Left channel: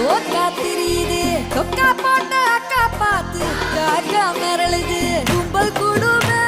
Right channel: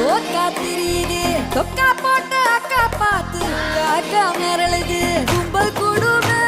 தோக்கா தெரியுது தொக்கா போட்ட அக்கா பார்த்து காக்கா மிரளுது கும்பல் கூடுமே